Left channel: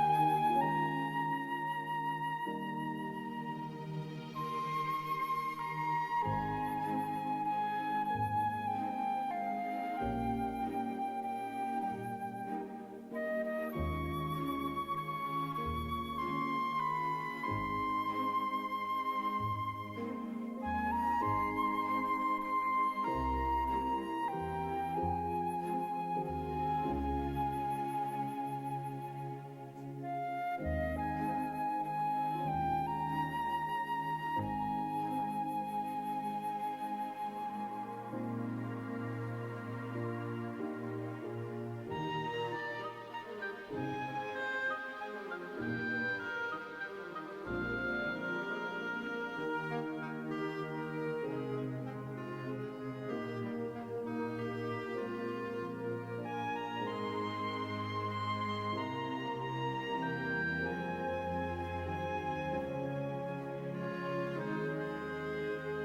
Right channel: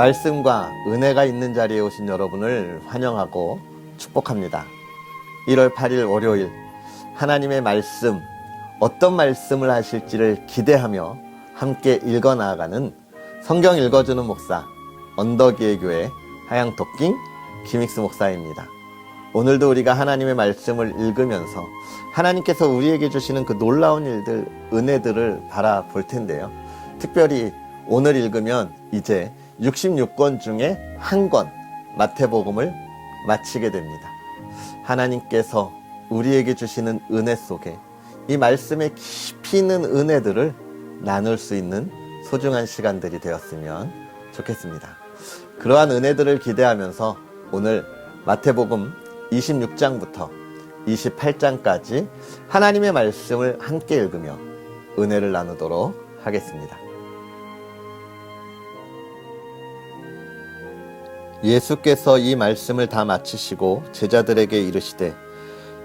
말씀과 은혜가 있는 자리에 오신 여러분을 환영하고 축복합니다. 1월 8일 월요일 하나님의 말씀, 어떤 말씀을 하실지를 기대하며 함께 읽어 나아가는 성경 읽어주는 목사 언덕이의 교회 하양토킹 김익수 목사입니다. 오늘도 우리가 하나님의 말씀을 읽으면서 하나님께서 우리에게 주시는 그 놀라운 일들, 은혜들을 바라볼 텐데요. 특별히 오늘 읽으면 이제 66권 중에 한 권 마태복음을 마치게 됩니다. 하나님께서 우리에게 주시는 은혜 속에 이 말씀에 깊이 있는 은혜들을 나눌 수 있는 소중한 시간들이 되었으면 좋겠습니다. 그러한 은혜들을 기대하면서 오늘 마태복음 26장부터 28장까지 하나님의 말씀을 함께 읽으며 은혜를 나누도록 하겠습니다. 예수께서 이 말씀을 다 마치시고 제자들에게 이르시되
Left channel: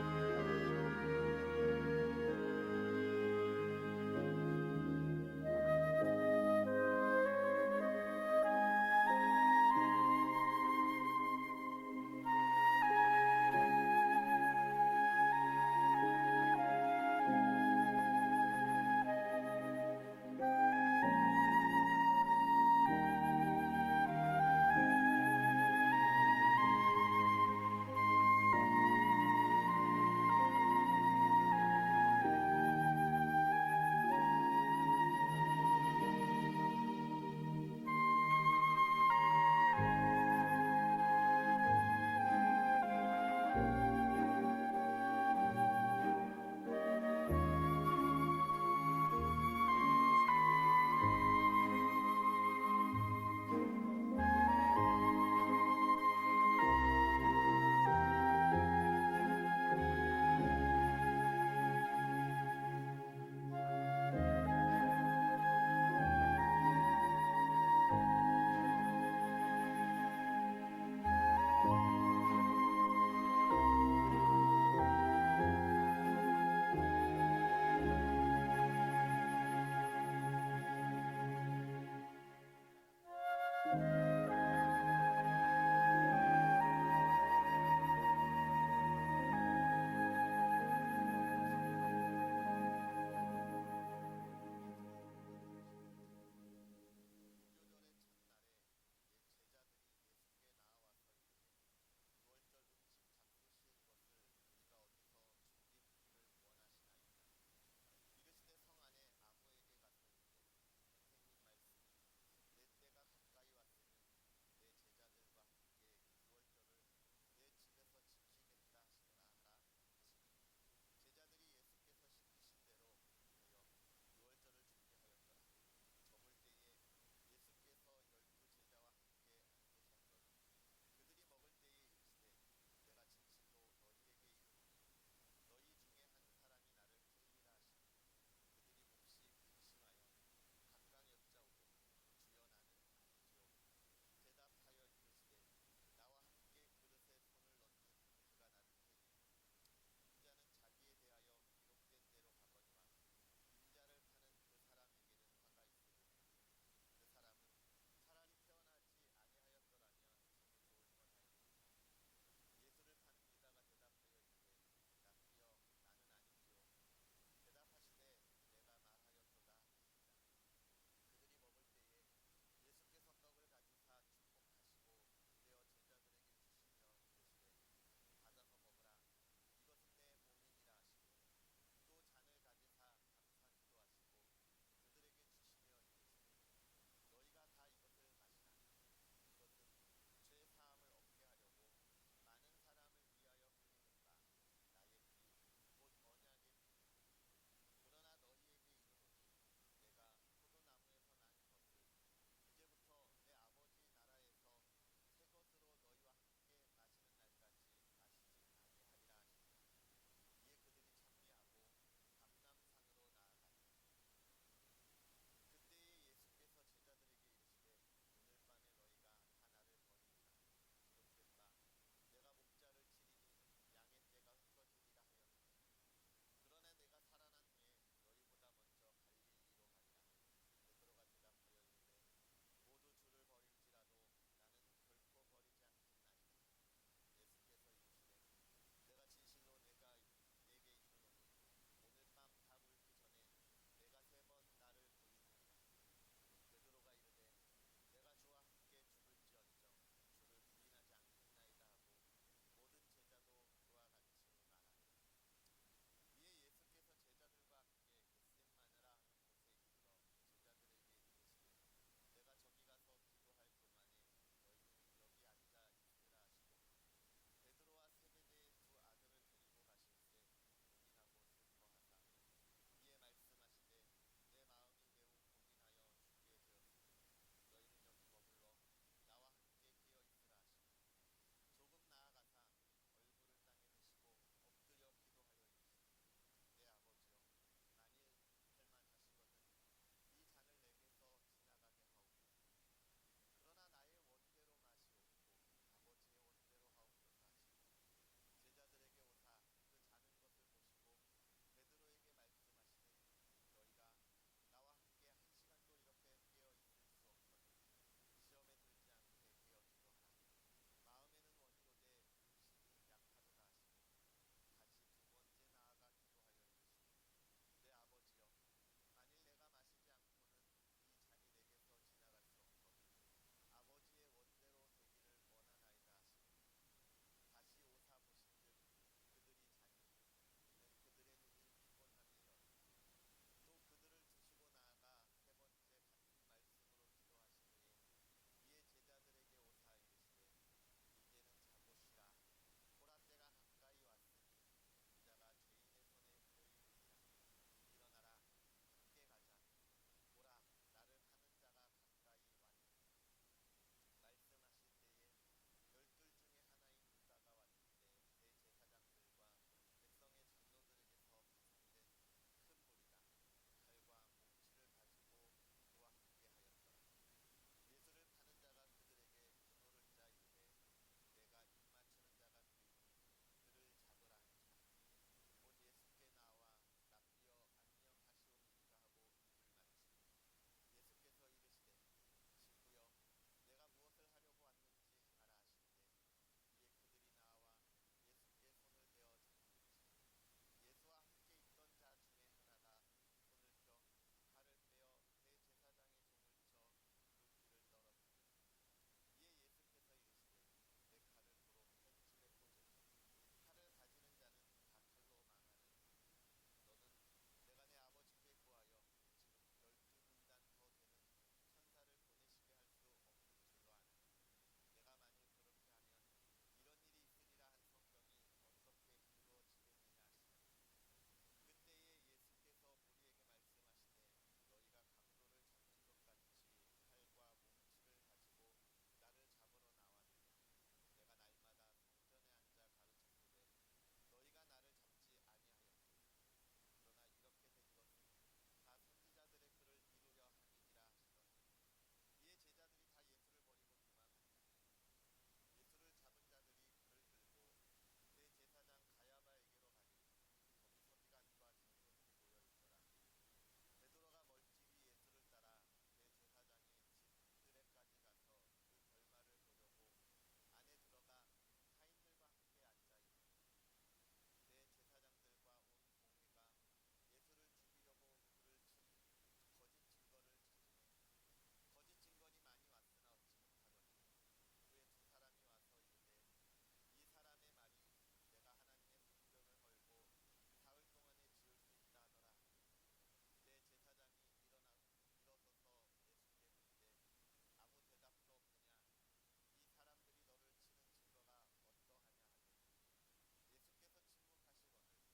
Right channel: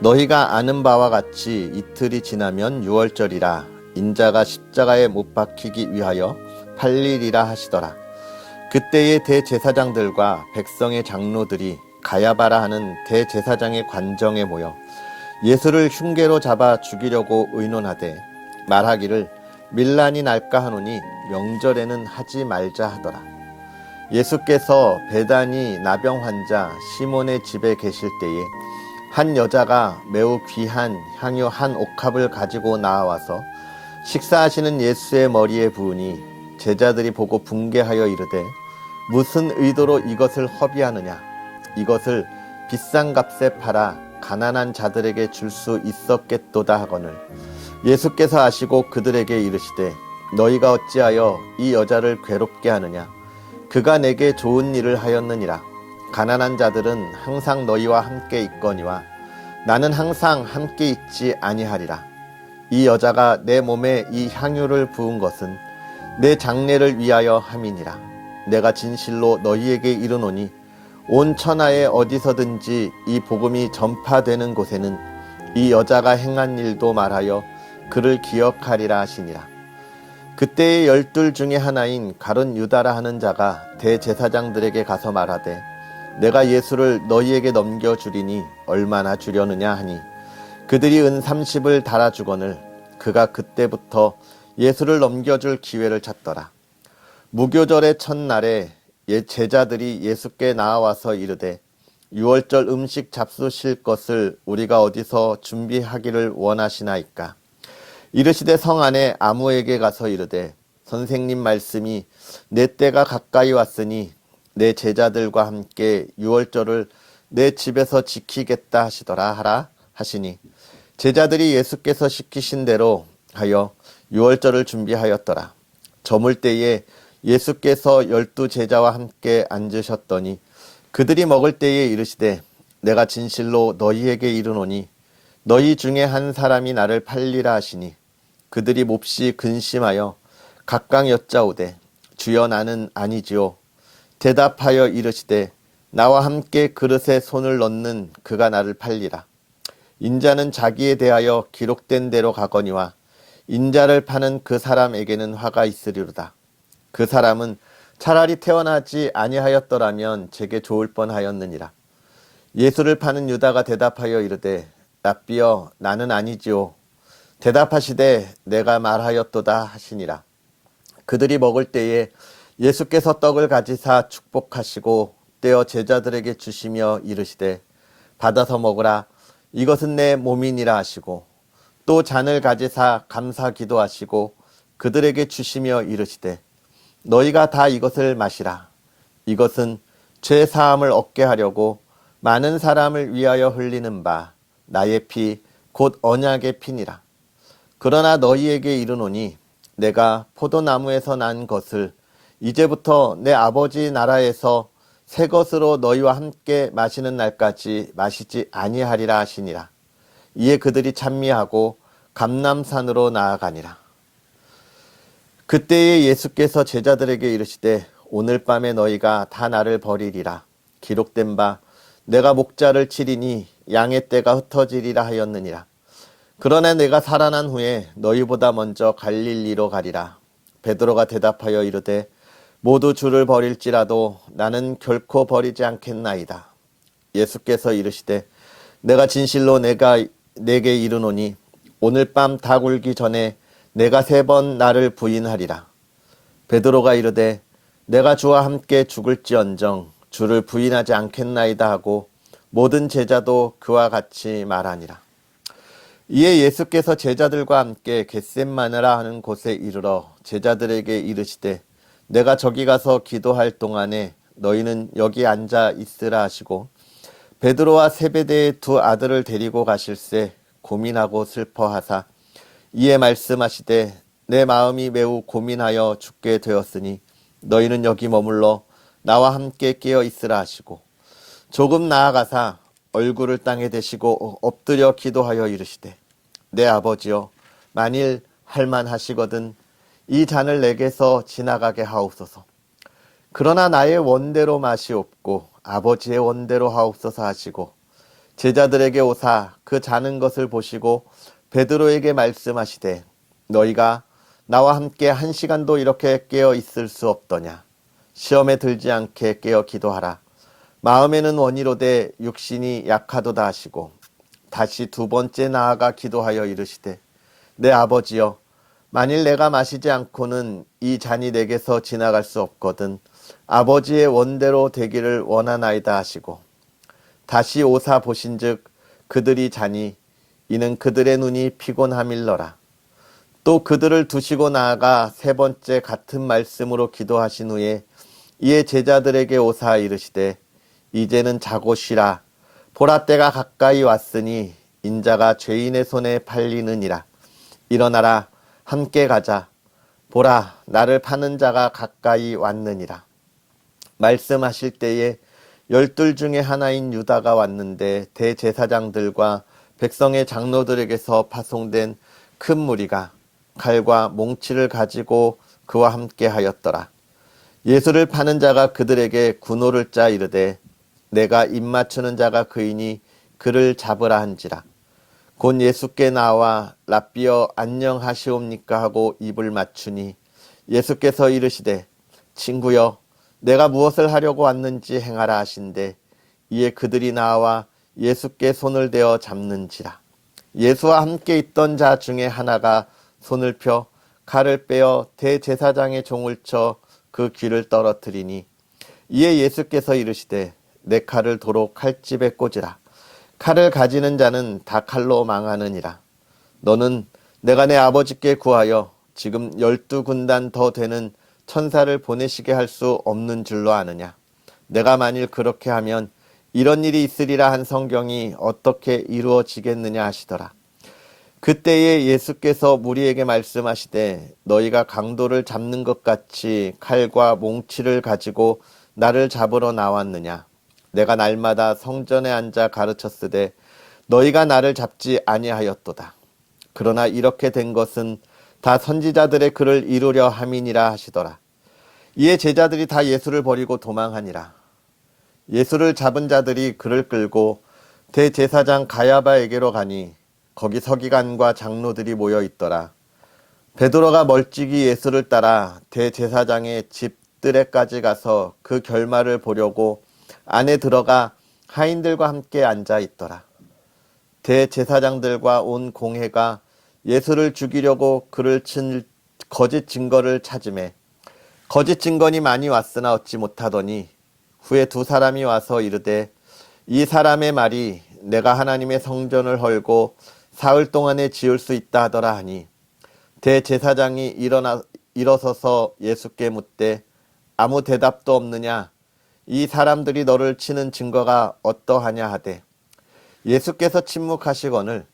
너희가 아는 바와 같이 이틀이 지나면 유월절이라 인자가 십자가에 못 박히기 위하여 팔리리라 하시더라. 그때의 대제사장들과 백성의 장로들이 가야바라 하는 대제사장의 관정에 모여 예수를 흉계로 잡아 죽이려고 의논하되 말하기를 밀란이 날까 하노니 명절에는 하지 말자 하더라. 예수께서 베다니 나병 환자 시몬의 집에 계실 때에 한 여자가 매우 귀한 향유 한 옥합을 가지고 나와서 식사하시는 예수의 머리에 부으니 제자들이 보고 분개하여 이르되 무슨 의도로 이것을 허비하느냐, 이것을 비싼 값에 팔아 가난한 자들에게 줄 수 있었겠도다 하거늘 예수께서 아시고 그들에게 이르시되 너희가 어찌하여 이 여자를 괴롭게 하느냐, 그가 내게 좋은 일을 하였느니라. 가난한 자들은 항상 너희와 함께 있거니와 나는 항상 함께 있지 아니하리라. 이 여자가 내 몸에 이 향유를 부은 것은 내 장례를 위하여 함이니라. 내가 진실로 너희에게 이르노니 온 천하에 어디서든지 이 복음이 전파되는 곳에는 이 여자가 행한 일도 말하여 그를 기억하리라 하시니라. 그때의 12 중에 하나인 가룟 유다라 하는 자가 대제사장들에게 가서 말하되 내가 예수를 너희에게 넘겨주리니 얼마나 주려느냐 하니 그들이 은 30을 달아주거늘 그가 그때부터 예수를 넘겨줄 기회를 찾더라. 무교절의 첫날에 제자들이 예수께 나와서 이르되 유월절 음식 잡수실 것을 우리가 어디서 준비하기를 원하시나이까. 이르시되 성 안에 아무에게 가서 이르되 선생님 말씀이 내 때가 가까이 왔으니 내 제자들과 함께 유월절을 내 집에서 지키겠다 하시더라 하라 하시니 제자들이 예수께서 시키신 대로 하여 유월절을 준비하였더라. 저물 때에 예수께서 12 제자와 함께 앉으셨더니 그들이 먹을 때에 이르시되 내가 진실로 너희에게 이르노니 너희 중에 한 사람이 나를 팔리라 하시니 그들이 몹시 근심하여 각각 여짜오되 주여 나는 아니지요. 대답하여 이르시되 나와 함께 그릇에 손을 넣는 그가 나를 팔리라. 인자는 자기에 대하여 기록된 대로 가거니와 인자를 파는 그 사람에게는 화가 있으리로다. 그 사람은 차라리 태어나지 아니하였더라면 제게 좋을 뻔하였느니라. 예수를 파는 유다가 대답하여 이르되 랍비여 나는 아니지요. 대답하시되 내가 말하였도다 하시니라. 그들이 먹을 때에 예수께서 떡을 가지사 축복하시고 떼어 제자들에게 주시며 이르시되 받아서 먹으라. 이것은 내 몸이니라 하시고 또 잔을 가지사 감사 기도하시고 그들에게 주시며 이르시되 너희가 다 이것을 마시라. 이것은 죄 사함을 얻게 하려고 많은 사람을 위하여 흘리는 바 나의 피 곧 언약의 피니라. 그러나 너희에게 이르노니 내가 포도나무에서 난 것을 이제부터 내 아버지 나라에서 새 것으로 너희와 함께 마시는 날까지 마시지 아니하리라 하시니라. 이에 그들이 찬미하고 감람산으로 나아가니라. 그때에 예수께서 제자들에게 이르시되 오늘 밤에 너희가 다 나를 버리리라. 기록된 바 내가 목자를 치리니 양의 떼가 흩어지리라 하였느니라. 그러나 내가 살아난 후에 너희보다 먼저 갈릴리로 가리라. 베드로가 대답하여 이르되 모두 주를 버릴지라도 나는 결코 버리지 않겠나이다. 예수께서 이르시되 내가 진실로 내게 이르노니 오늘 밤 닭 울기 전에 내가 3번 나를 부인하리라. 베드로가 이르되 내가 주와 함께 죽을지언정 주를 부인하지 않겠나이다 하고 모든 제자도 그와 같이 말하니라. 이에 예수께서 제자들과 함께 겟셋마네라 하는 곳에 이르러 제자들에게 이르시되 내가 저기 가서 기도할 동안에 너희는 여기 앉아 있으라 하시고 베드로와 세베대의 2 아들을 데리고 가실새 고민하고 슬퍼하사 이에 말씀하시되 내 마음이 매우 고민하여 죽게 되었으니 너희는 여기 머물러 나와 함께 깨어 있으라 하시고 조금 나아가사 얼굴을 땅에 대시고 엎드려 기도하여 이르시되 내 아버지여 만일 할만하시거든 이 잔을 내게서 지나가게 하옵소서. 그러나 나의 원대로 마시옵고 아버지의 원대로 하옵소서 하시고 제자들에게 오사 그 자는 것을 보시고 베드로에게 말씀하시되 너희가 나와 함께 1시간도 이렇게 깨어 있을 수 없더냐. 시험에 들지 않게 깨어 기도하라. 마음에는 원이로되 육신이 약하도다 하시고 다시 2번째 나아가 기도하여 이르시되 내 아버지여 만일 내가 마시지 않고는 이 잔이 내게서 지나갈 수 없거든 아버지의 원대로 되기를 원하나이다 하시고 다시 오사 보신즉 그들이 자니 이는 그들의 눈이 피곤함일러라. 또 그들을 두시고 나아가 3번째 같은 말씀으로 기도하신 후에 이에 제자들에게 오사 이르시되 이제는 자고 쉬라. 보라 때가 가까이 왔으니 인자가 죄인의 손에 팔리느니라. 일어나라 함께 가자. 보라 나를 파는 자가 가까이 왔느니라. 말씀하실 때에 12 중에 하나인 유다가 왔는데 대제사장들과 백성의 장로들에게서 파송된 큰 무리가 칼과 몽치를 가지고 그와 함께 하였더라. 예수를 파는 자가 그들에게 군호를 짜 이르되 내가 입맞추는 자가 그이니 그를 잡으라 한지라. 곧 예수께 나와 랍비여 안녕하시옵니까 하고 입을 맞추니 예수께서 이르시되 친구여 내가 무엇을 하려고 왔는지 행하라 하신대 이에 그들이 나와 예수께 손을 대어 잡는지라. 예수와 함께 있던 자 중에 하나가 손을 펴 칼을 빼어 대제사장의 종을 쳐 그 귀를 떨어뜨리니 이에 예수께서 이르시되 내 칼을 도로 칼집에 꽂으라. 칼을 가지는 자는 다 칼로 망하느니라. 너는 내가 내 아버지께 구하여 지금 12군단 더 되는 천사를 보내시게 할 수 없는 줄로 아느냐. 내가 만일 그렇게 하면 이런 일이 있으리라 한 성경이 어떻게 이루어지겠느냐 하시더라. 그때에 예수께서 무리에게 말씀하시되 너희가 강도를 잡는 것 같이 칼과 몽치를 가지고 나를 잡으러 나왔느냐. 내가 날마다 성전에 앉아 가르쳤으되 너희가 나를 잡지 아니하였도다. 그러나 이렇게 된 것은 다 선지자들의 글을 이루려 함이니라 하시더라. 이에 제자들이 다 예수를 버리고 도망하니라. 예수를 잡은 자들이 그를 끌고 대제사장 가야바에게로 가니 거기 서기관과 장로들이 모여 있더라. 베드로가 멀찍이 예수를 따라 대제사장의 집 뜰에까지 가서 그 결말을 보려고 안에 들어가 하인들과 함께 앉아 있더라. 대제사장들과 온 공회가 예수를 죽이려고 그를 친 거짓 증거를 찾으매 거짓 증거니 많이 왔으나 얻지 못하더니 후에 2 사람이 와서 이르되 이 사람의 말이 내가 하나님의 성전을 헐고 사흘 동안에 지을 수 있다 하더라 하니 대제사장이 일어서서 예수께 묻되 아무 대답도 없느냐. 이 사람들이 너를 치는 증거가 어떠하냐 하되 예수께서 침묵하시거늘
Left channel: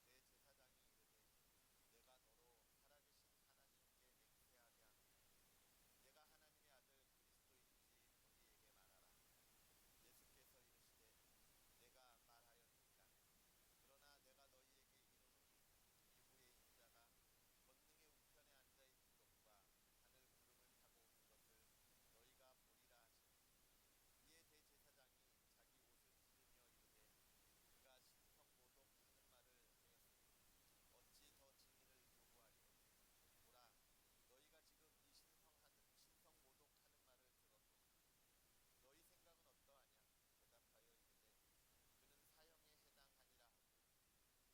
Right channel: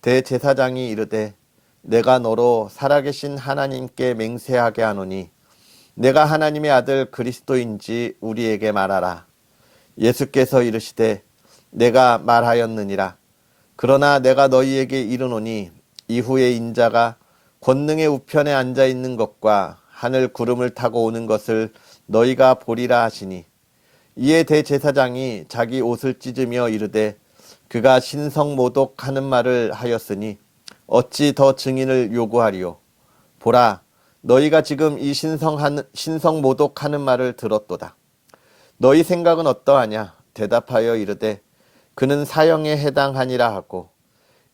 대제사장이 이르되 내가 너로 살아계신 하나님께 맹세하게 하노니 내가 하나님의 아들 그리스도인지 우리에게 말하라. 예수께서 이르시되 내가 말하였느니라. 그러나 내가 너희에게 이르노니 이후에 인자가 권능의 우편에 앉아 있는 것과 하늘 구름을 타고 오는 것을 너희가 보리라 하시니 이에 대제사장이 자기 옷을 찢으며 이르되 그가 신성모독하는 말을 하였으니 어찌 더 증인을 요구하리요. 보라 너희가 지금 이 신성모독하는 말을 들었도다. 너희 생각은 어떠하냐? 대답하여 이르되 그는 사형에 해당하니라 하고,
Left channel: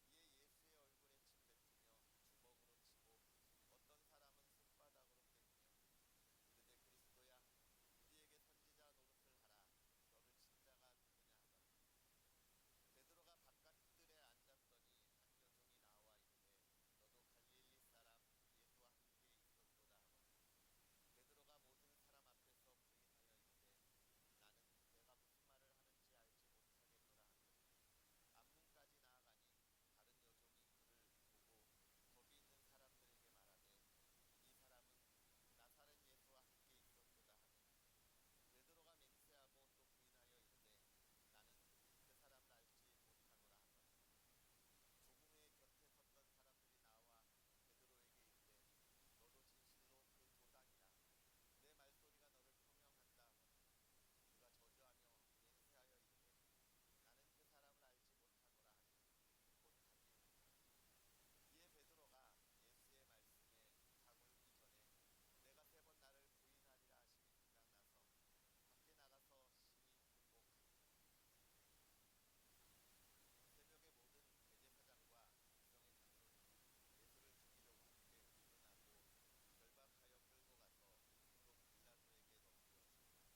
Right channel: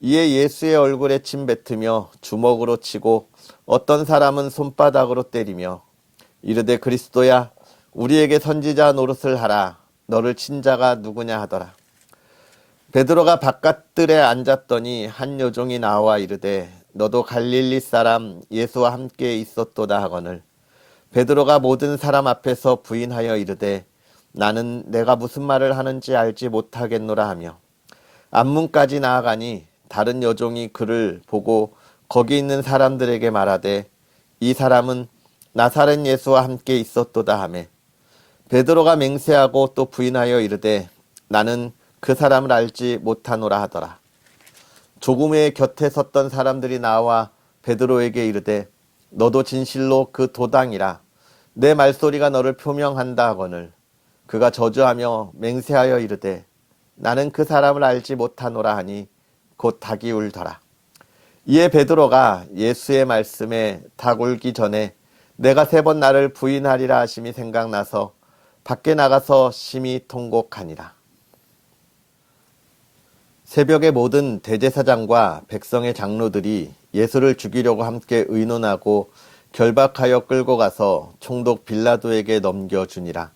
이에 예수의 얼굴에 침 뱉으며 주먹으로 치고 어떤 사람은 손바닥으로 때리며 이르되 그리스도야 우리에게 선지자 노릇을 하라. 너를 친 자가 누구냐 하더라. 베드로가 바깥들에 앉았더니 한 여종이 나와 이르되 너도 갈릴리 사람 예수와 함께 있었도다 하거늘, 베드로가 모든 사람 앞에서 부인하여 이르되 나는 내가 무슨 말을 하는지 알지 못하겠노라 하며 앞문까지 나아가니 다른 여종이 그를 보고 거기 있는 사람들에게 말하되 이 사람은 나사렛 예수와 함께 있었도다 하매 베드로가 맹세하고 또 부인하여 이르되 나는 그 사람을 알지 못하노라 하더라. 조금 후에 곁에 섰던 사람들이 나와 베드로에게 이르되 너도 진실로 그 도당이라. 내 말소리가 너를 표명한다 하거늘, 그가 저주하며 맹세하여 이르되 나는 그 사람을 알지 못하노라 하니 곧 닭이 울더라. 이에 베드로가 예수의 말씀에 닭 울기 전에 내가 3번 나를 부인하리라 하심이 생각나서 밖에 나가서 심히 통곡하니라. 새벽에 모든 대제사장과 백성의 장로들이 예수를 죽이려고 함께 의논하고 결박하여 끌고 가서 총독 빌라도에게 넘겨주니라.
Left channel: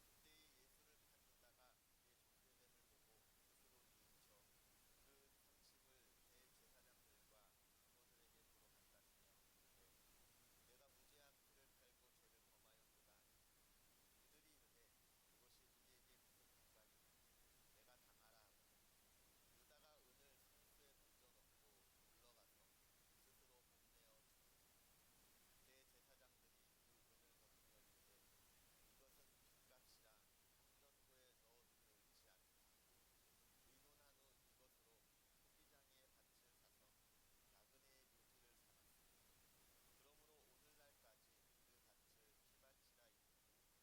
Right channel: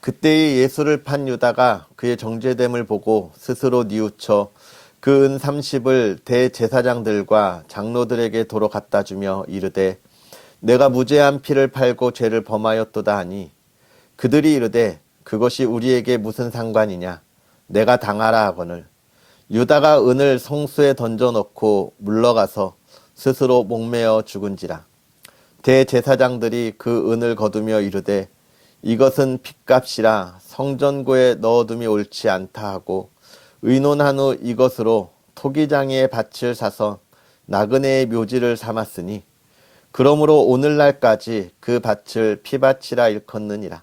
그때의 예수를 판 유다가 그의 정죄됨을 보고 스스로 뉘우쳐 그 은 30을 대제사장들과 장로들에게 도로 갖다 주며 이르되 내가 무죄한 피를 팔고 죄를 범하였도다 하니 그들이 이르되 그것이 우리에게 무슨 상관이냐? 내가 당하라 하거늘, 유다가 은을 성수에 던져놓고 물러가서 스스로 목매어 죽은지라. 대제사장들이 그 은을 거두며 이르되 이것은 핏값이라 성전고에 넣어둠이 옳지 않다 하고 의논한 후 이것으로 토기장이의 밭을 사서 나그네의 묘지를 삼았으니 그러므로 오늘날까지 그 밭을 피밭이라 일컫느니라.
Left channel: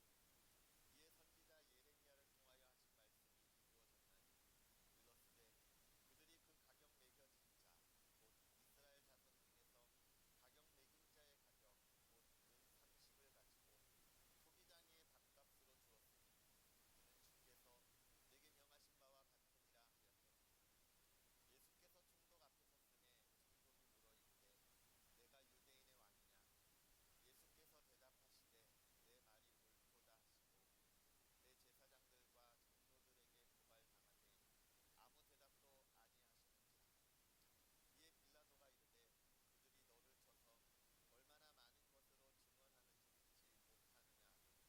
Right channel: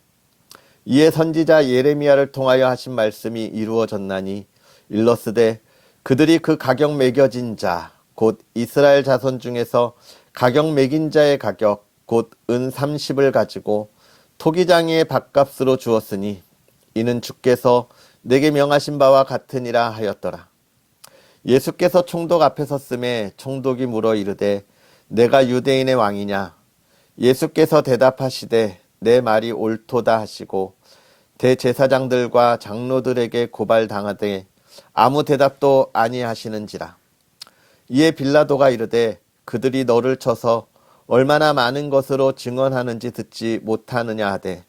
이에 선지자 예레미야를 통하여 하신 말씀이 이루어졌나니 일러스되 그들이 그 가격 매겨진 자 곧 이스라엘 자손 중에서 가격 매긴 자의 가격 곧 은 30을 가지고 토기장이의 밭값으로 주었으니 이는 주께서 내게 명하신 바와 같으니라 하였더라. 예수께서 총독 앞에 섰음에 총독이 물어 이르되 내가 유대인의 왕이냐? 예수께서 대답하시되 내 말이 옳도다 하시고 대제사장들과 장로들에게 고발당하되 아무 대답도 아니하시는지라. 이에 빌라도가 이르되 그들이 너를 쳐서 얼마나 많은 것으로 증언하는지 듣지 못하느냐 하되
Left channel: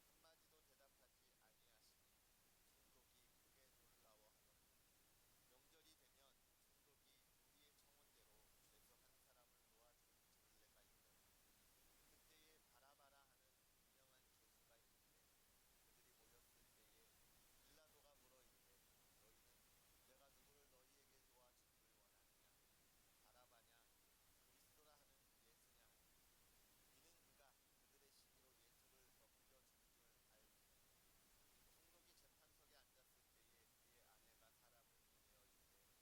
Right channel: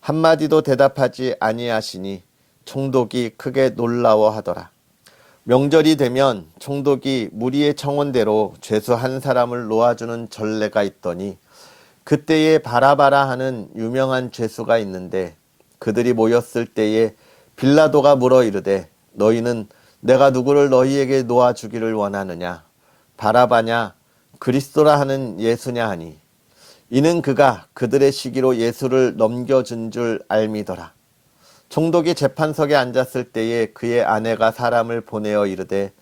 한마디도 대답하지 아니하시니 총독이 크게 놀라워하더라. 명절이 되면 총독이 무리의 청원대로 죄수 한 사람을 놓아주는 전례가 있더니 그때에 바라바라 하는 유명한 죄수가 있는데 그들이 모였을 때에 빌라도가 물어 이르되 너희는 내가 누구를 너희에게 놓아주기를 원하느냐? 바라바냐? 그리스도라 하는 예수냐 하니 이는 그가 그들의 시기로 예수를 넘겨준 줄 알미더라. 총독이 재판석에 앉았을 때에 그의 아내가 사람을 보내어 이르되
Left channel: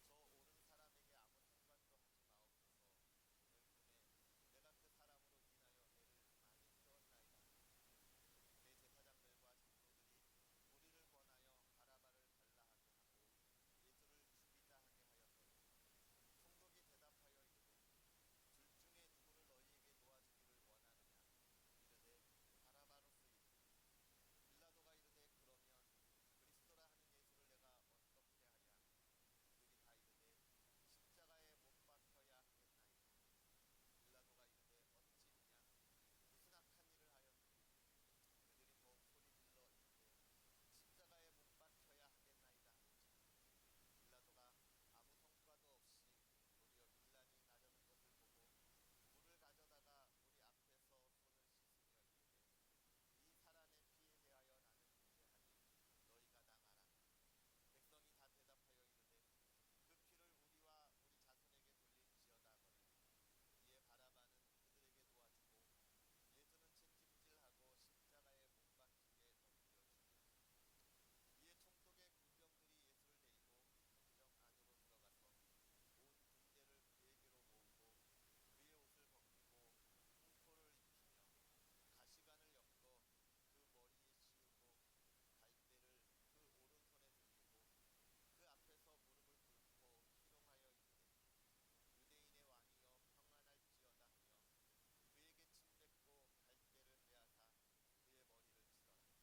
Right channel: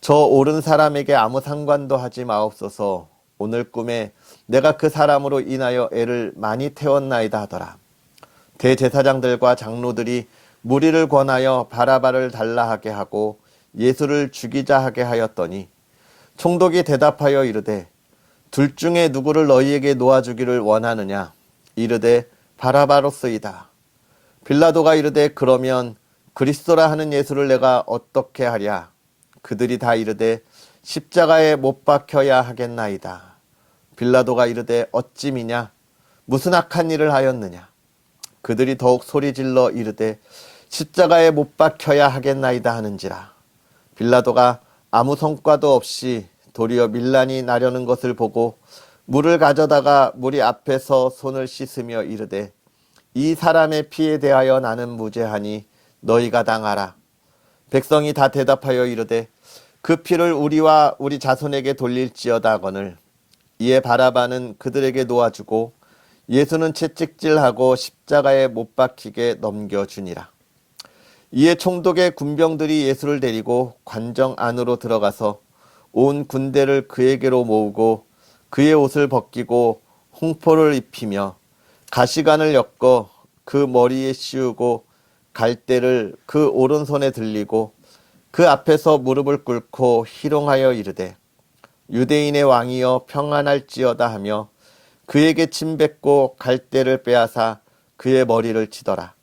저 옳은 사람에게 아무 상관도 하지 마옵소서. 오늘 꿈에 내가 그 사람으로 인하여 애를 많이 태웠나이다 하더라. 대제사장들과 장로들이 무리를 권하여 바라바를 달라 하게 하고 예수를 죽이자 하게 하였더니 총독이 대답하여 이르되 둘 중에 누구를 너희에게 놓아주기를 원하느냐? 이르되 바라바로쓰이다. 빌라도가 이르되 그러면 그리스도라 하는 예수를 내가 어떻게 하랴? 그들이 다 이르되 십자가에 못 박혀야 하겠나이다. 빌라도가 이르되 어찌미냐? 무슨 악한 일을 하였느냐? 그들이 더욱 소리질러 이르되 십자가에 못 박혀야 하겠나이다 하는지라. 빌라도가 아무 성과도 없이 도리어 밀란이 나려는 것을 보고 물을 가져다가 무리 앞에서 손을 씻으며 이르되 이 사람의 피에 대하여 나는 무죄하니 너희가 당하라. 백성이 다 대답하여 이르되 그 피를 우리와 우리 자손에게 돌릴지어다 하거늘, 이에 바라바는 그들에게 놓아주고 예수는 채찍질하고 십자가에 못 박히게 넘겨주니라. 이에 총독의 군병들이 예수를 데리고 관정 안으로 들어가서 온 군대를 그에게로 모으고 그의 옷을 벗기고 홍포를 입히며 가시관을 엮어 그 머리에 씌우고 갈대를 그 오른손에 들리고 그 앞에서 무릎을 꿇고 희롱하여 이르되 유대인의 왕이여 평안할지어다 하며 그에게 침뱉고 갈대를 빼앗아 그의 머리를 치더라.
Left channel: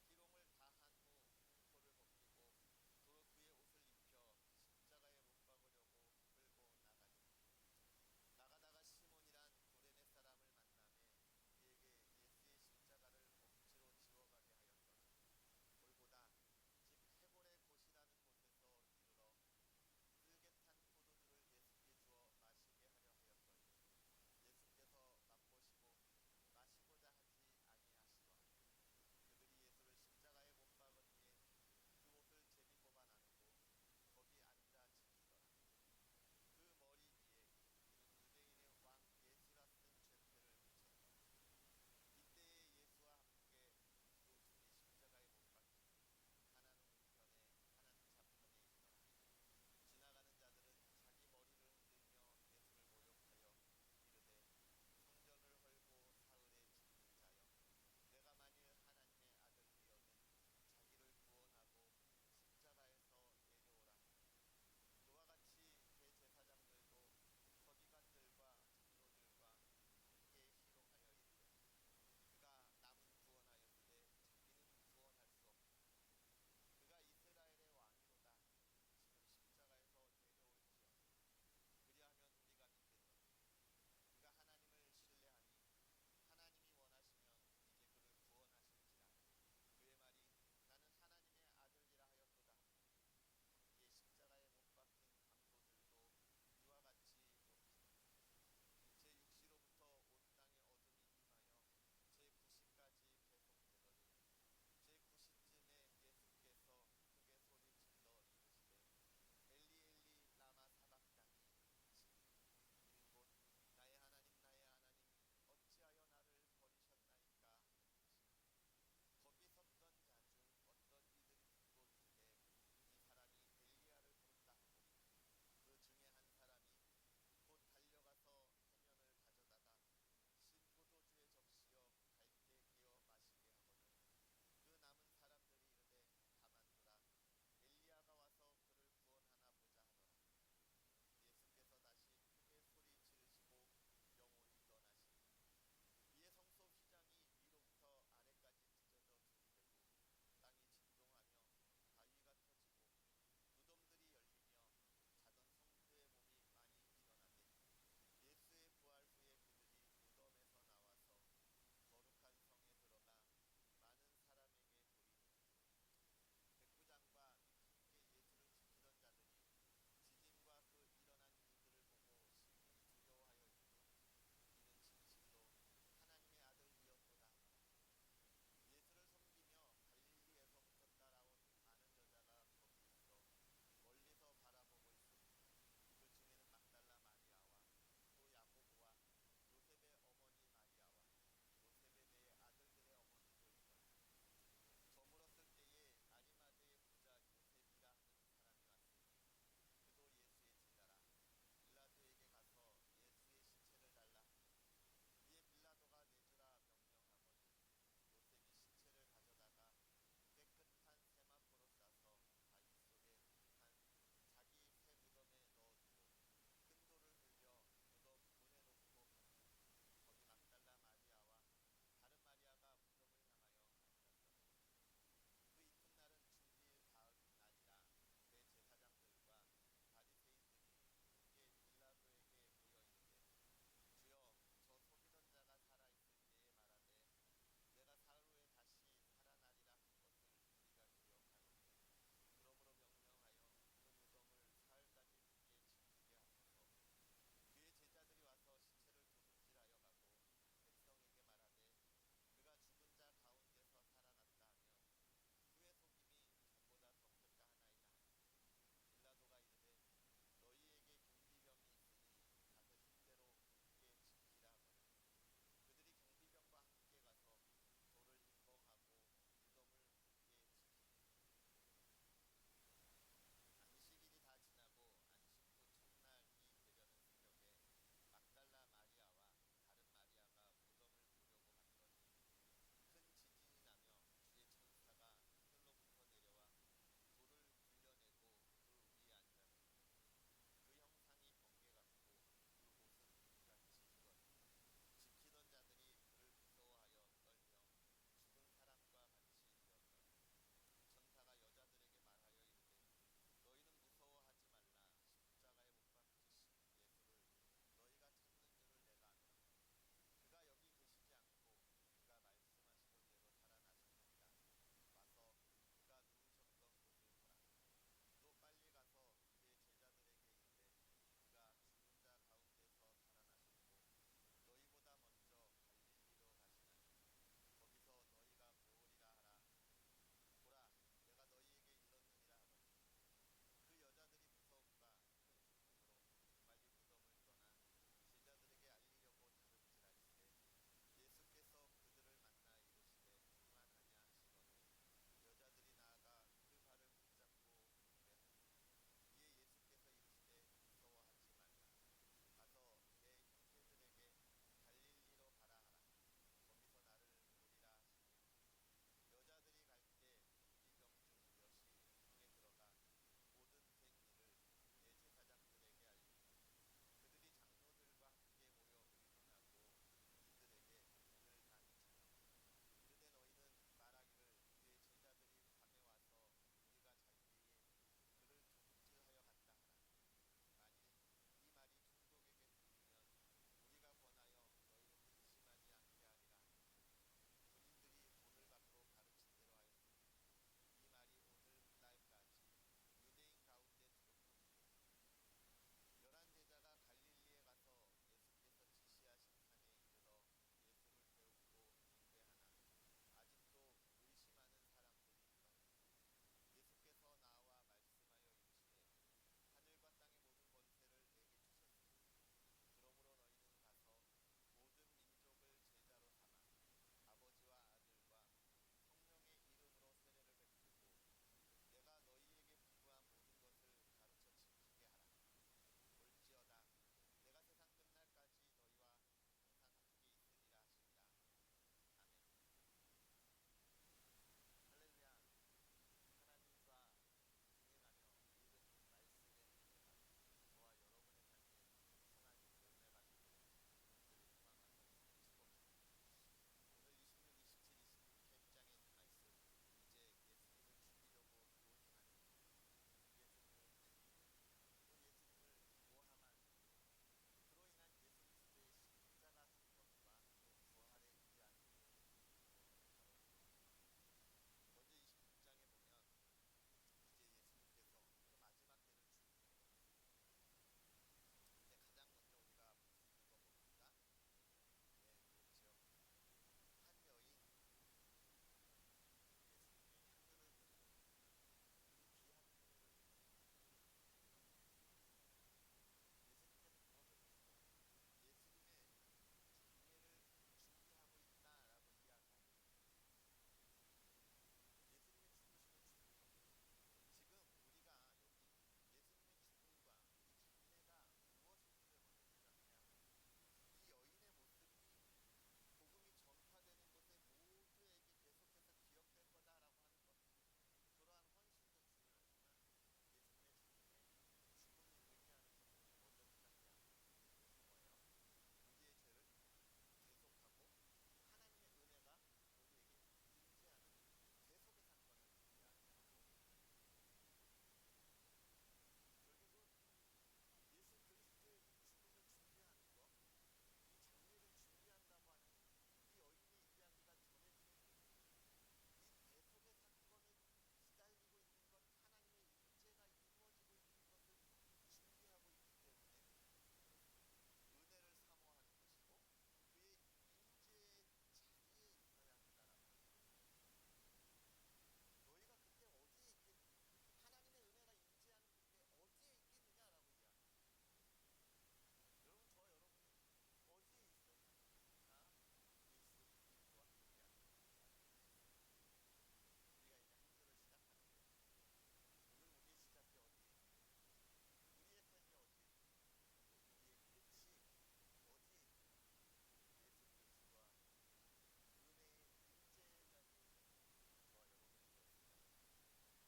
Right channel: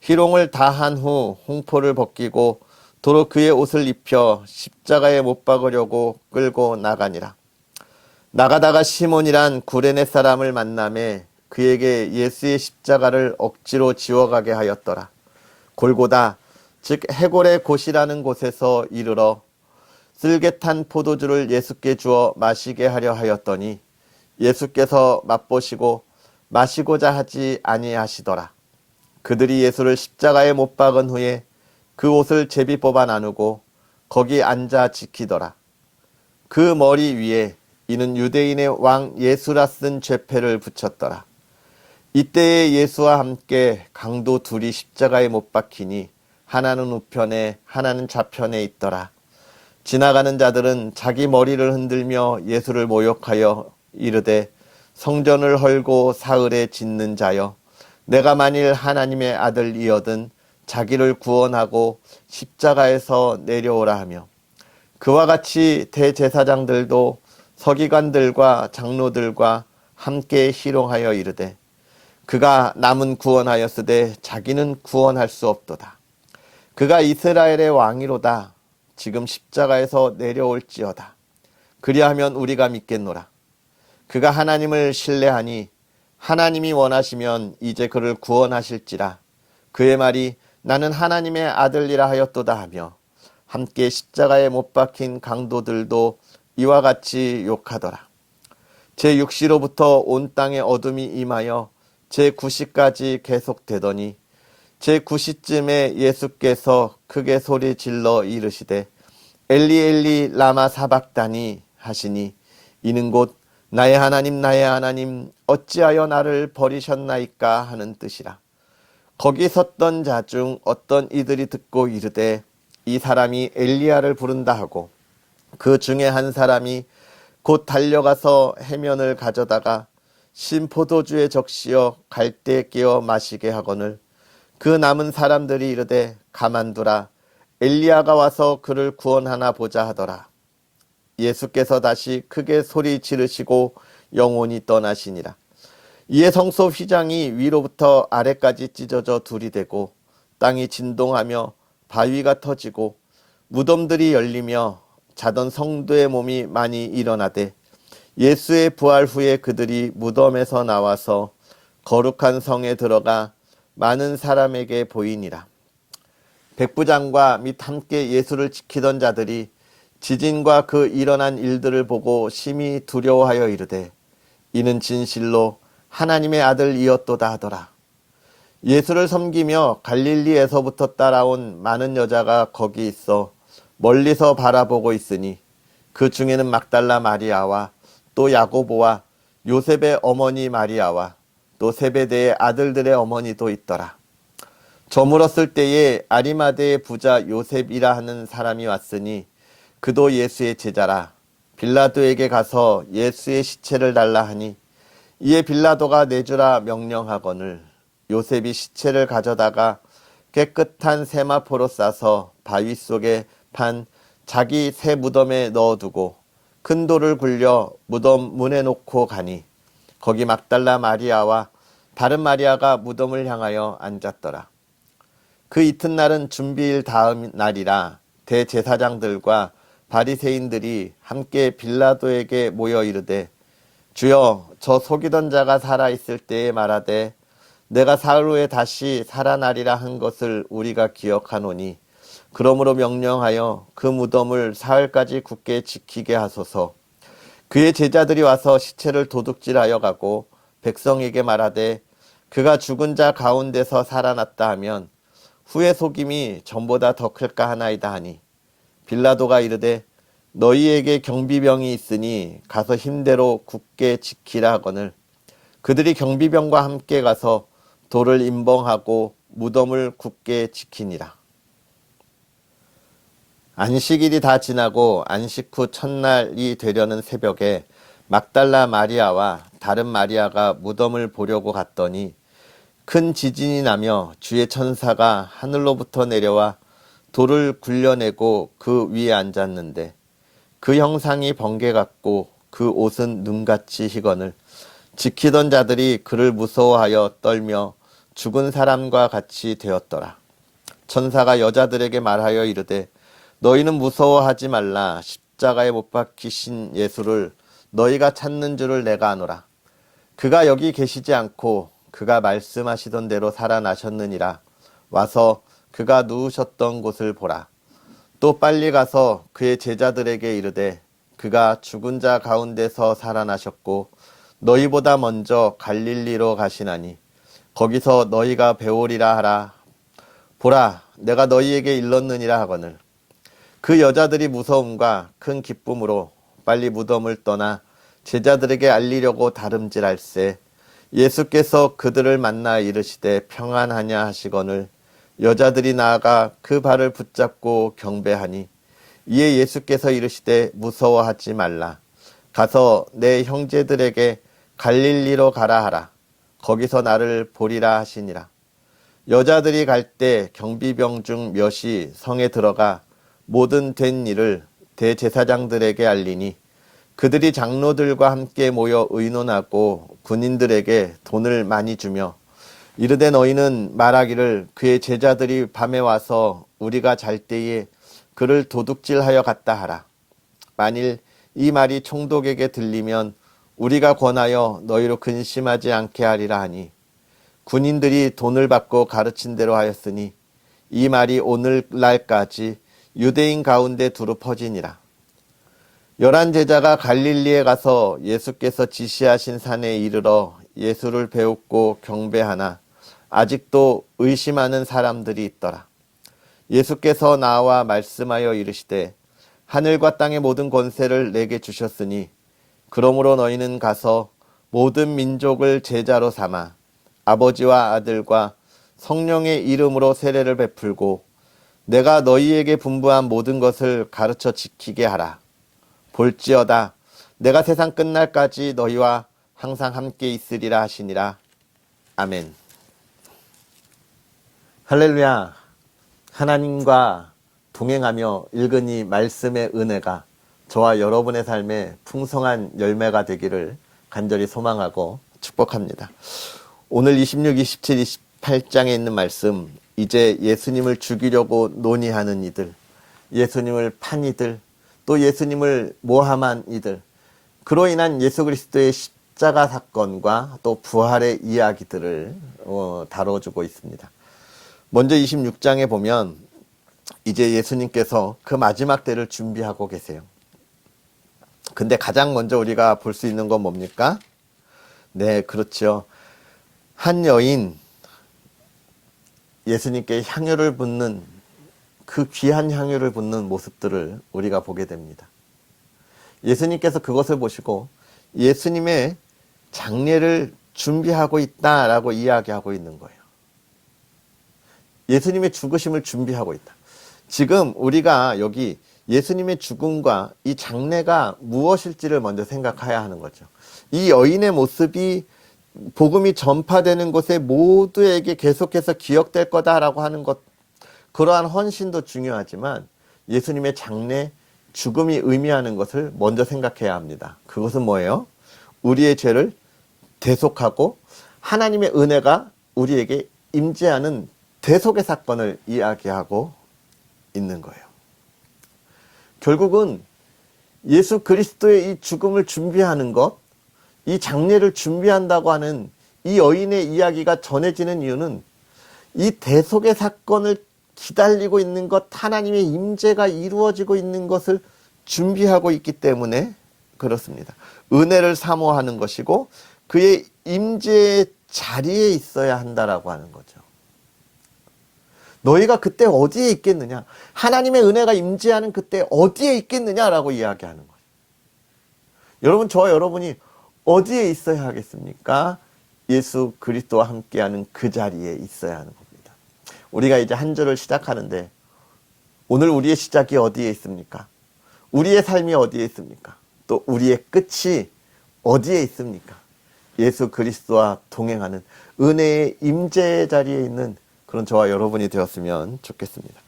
희롱을 다 한 후 홍포를 벗기고 도로 그의 옷을 입혀 십자가에 못 박으려고 끌고 나가니라. 나가다가 시몬이란 구레네 사람을 만나매 그에게 예수의 십자가를 억지로 지워가게 하였더라. 골고다 즉 해골의 곳이라는 곳에서 이르러 쓸개탄 포도주를 예수께 주어 마시게 하려 하였더니 예수께서 맛보시고 마시고자 하지 아니하시더라. 그들이 예수를 십자가에 못 박은 후에 그 옷을 제비 뽑아 나누고 거기 앉아 지키더라. 그 머리 위에 이는 유대인의 왕 예수라 쓴 죄패를 붙였더라. 이때에 예수와 함께 강도 둘이 십자가에 못 박히니 하나는 우편에 하나는 좌편에 있더라. 지나가는 자들은 자기 머리를 흔들며 예수를 모욕하여 이르되 성전을 헐고 사흘에 짓는 자여 내가 만일 하나님의 아들이거든 자기를 구원하고 십자가에서 내려오라 하며 그와 같이 대제사장들도 서기관들과 장로들과 함께 희롱하여 이르되 그가 남은 구원하였으되 자기는 구원할 수 없도다. 그가 이스라엘의 왕이로다. 지금 십자가에서 내려올지어다. 그리하면 우리가 믿겠노라. 그가 하나님을 신뢰하니 하나님이 원하시면 이제 그를 구원하실지라. 그의 말이 나는 하나님의 아들이라 하였도다 하며 함께 십자가에 못 박힌 강도들도 이와 같이 욕하더라. 제6시로부터 온 땅에 어둠이 임하여 제9시까지 계속되더니 제9시쯤에 예수께서 크게 소리 질러 이르시되 엘리 엘리 라마 사박다니 하시니 이는 곧 나의 하나님 어찌하여 나를 버리셨나이까 하는 뜻이라. 거기 섰던 자 중 어떤 이들이 듣고 이르되 이 사람이 엘리야를 부른다 하고 그 중에 한 사람이 곧 달려가서 해면을 가져다가 신포도주에 적시어 갈대에 끼어 마시게 하거늘 그 남은 사람들이 이르되 가만두라 엘리야가 와서 그를 구원하나 보자 하더라. 예수께서 다시 크게 소리 지르시고 영원히 떠나시니라. 이에 성소 휘장이 위로부터 아래까지 찢어져 둘이 되고 땅이 진동하며 바위가 터지고 무덤들이 열리며 자던 성도의 몸이 많이 일어나되 예수의 부활 후에 그들이 무덤에서 나와서 거룩한 성에 들어가 많은 사람에게 보이니라. 백부장과 및 함께 예수를 지키던 자들이 지진과 그 일어난 일들을 보고 심히 두려워하여 이르되 이는 진실로 하나님의 아들이었도다 하더라. 예수를 섬기며 갈릴리에서부터 따라온 많은 여자가 거기 있어 멀리서 바라보고 있으니 그 중에는 막달라 마리아와 또 야고보와 요셉의 어머니 마리아와 또 세베대의 아들들의 어머니도 있더라. 저물었을 때에 아리마대의 부자 요셉이라 하는 사람이 왔으니 그도 예수의 제자라. 빌라도에게 가서 예수의 시체를 달라 하니 이에 빌라도가 내주라 명령하거늘 요셉이 시체를 가져다가 깨끗한 세마포로 싸서 바위 속에 판 자기 새 무덤에 넣어두고 큰 돌을 굴려 무덤 문에 놓고 가니 거기 막달라 마리아와 다른 마리아가 무덤을 향하여 앉았더라. 그 이튿날은 준비일 다음 날이라 대제사장들과 바리새인들이 함께 빌라도에게 모여 이르되 주여 저 속이던 자가 살아있을 때에 말하되 내가 사흘 후에 다시 살아나리라 한 것을 우리가 기억하노니 그러므로 명령하여 그 무덤을 사흘까지 굳게 지키게 하소서. 그의 제자들이 와서 시체를 도둑질하여 가고 백성에게 말하되 그가 죽은 자 가운데서 살아났다 하면 후의 속임이 전보다 더 클까 하나이다 하니 빌라도가 이르되 너희에게 경비병이 있으니 가서 힘대로 굳게 지키라 하거늘 그들이 경비병과 함께 가서 돌을 임봉하고 무덤을 굳게 지키니라. 안식일이 다 지나고 안식 후 첫날이 되려는 새벽에 막달라 마리아와 다른 마리아가 무덤을 보려고 갔더니 큰 지진이 나며 주의 천사가 하늘로부터 내려와 돌을 굴려내고 그 위에 앉았는데 그 형상이 번개 같고 그 옷은 눈같이 희거늘 지키던 자들이 그를 무서워하여 떨며 죽은 사람과 같이 되었더라. 천사가 여자들에게 말하여 이르되 너희는 무서워하지 말라. 십자가에 못 박히신 예수를 너희가 찾는 줄을 내가 아노라. 그가 여기 계시지 않고 그가 말씀하시던 대로 살아나셨느니라. 와서 그가 누우셨던 곳을 보라. 또 빨리 가서 그의 제자들에게 이르되 그가 죽은 자 가운데서 살아나셨고 너희보다 먼저 갈릴리로 가시나니 거기서 너희가 배우리라 하라. 보라, 내가 너희에게 일렀느니라 하거늘. 그 여자들이 무서움과 큰 기쁨으로 빨리 무덤을 떠나 제자들에게 알리려고 다름질할세 예수께서 그들을 만나 이르시되 평안하냐 하시거늘 여자들이 나아가 그 발을 붙잡고 경배하니 이에 예수께서 이르시되 무서워하지 말라. 가서 내 형제들에게 갈릴리로 가라 하라. 거기서 나를 보리라 하시니라. 여자들이 갈 때 경비병 중 몇이 성에 들어가 모든 된 일을 대제사장들에게 알리니 그들이 장로들과 함께 모여 의논하고 군인들에게 돈을 많이 주며 이르되 너희는 말하기를 그의 제자들이 밤에 와서 우리가 잘 때에 그를 도둑질하여 갔다 하라. 만일 이 말이 총독에게 들리면 우리가 권하여 너희로 근심하지 않게 하리라 하니 군인들이 돈을 받고 가르친 대로 하였으니 이 말이 오늘날까지 유대인 가운데 두루 퍼지니라. 11 제자가 갈릴리에 가서 예수께서 지시하신 산에 이르러 예수를 배웁고 경배하나 아직도 의심하는 사람들이 있더라. 예수께서 나와 말씀하여 이르시되 하늘과 땅의 모든 권세를 내게 주셨으니 그러므로 너희는 가서 모든 민족을 제자로 삼아 아버지와 아들과 성령의 이름으로 세례를 베풀고 내가 너희에게 분부한 모든 것을 가르쳐 지키게 하라. 볼지어다 내가 세상 끝날까지 너희와 항상 함께 있으리라 하시니라. 아멘. 할렐루야. 하나님과 동행하며 읽은 이 말씀의 은혜가 저와 여러분의 삶에 풍성한 열매가 되기를 간절히 소망하고 축복합니다. 오늘 26, 27, 28장에 있는 말씀, 이제 예수님을 죽이려고 논의하는 이들, 예수님을 판 이들, 또 예수님을 모함한 이들, 그로 인한 예수 그리스도의 십자가 사건과 또 부활의 이야기들을 다뤄주고 있습니다. 먼저 26장에 보면 이제 예수님께서 그 마지막 때를 준비하고 계세요. 근데 가장 먼저 우리가 볼 수 있는 건 뭡니까? 네, 그렇죠. 한 여인, 예수님께 향유를 붓는 그 귀한 향유를 붓는 모습들을 우리가 보게 됩니다. 예수님께서 그것을 보시고 예수님의 장례를 준비하고 있다라고 이야기하고 있는 거예요. 예수님의 죽으심을 준비하고 있다. 지금 우리가 여기 예수님의 죽음과 이 장례가 무엇일지를 먼저 생각해야 하는 거죠. 이 여인의 모습이 복음이 전파되는 곳에 모두에게 계속해서 기억될 거다라고 하는 것, 그러한 헌신도 중요하지만 예수님의 장례, 죽음이 의미하는 것을 먼저 생각해야 합니다. 그것은 뭐예요? 우리의 죄를 대속하고 하나님의 은혜가 우리에게 임재하는 대속의 사건을 이야기하고 있는 거예요. 결국은 예수 그리스도의 이 죽음을 준비하는 것, 이 장례를 준비한다고 하는 이 여인의 이야기가 전해지는 이유는 이 대속의 사건을 기다리고 있는 것, 하나님의 임재가 이루어지고 있는 것을 준비하고 있기 때문에 그렇습니다. 은혜를 사모하는 것이고 그의 임재의 자리에 있어야 한다라고 하는 거죠. 너희가 그때 어디에 있겠느냐? 하나님의 은혜가 임재하는 그때 어디에 있겠느냐라고 이야기하는 거예요. 여러분, 저와 여러분이 어디에 있어야 하겠습니까? 예수 그리스도와 함께하는 그 자리에 있어야 하는 겁니다. 우리가 이제 한 주를 시작하는데 오늘 우리의 시작이 어디에 있습니까? 우리의 삶이 어디에 있습니까? 또 우리의 끝이 어디에 있습니까? 예수 그리스도와 동행하는 은혜의 임재 자리에 있는 그런 저와 여러분이 되었으면 좋겠습니다.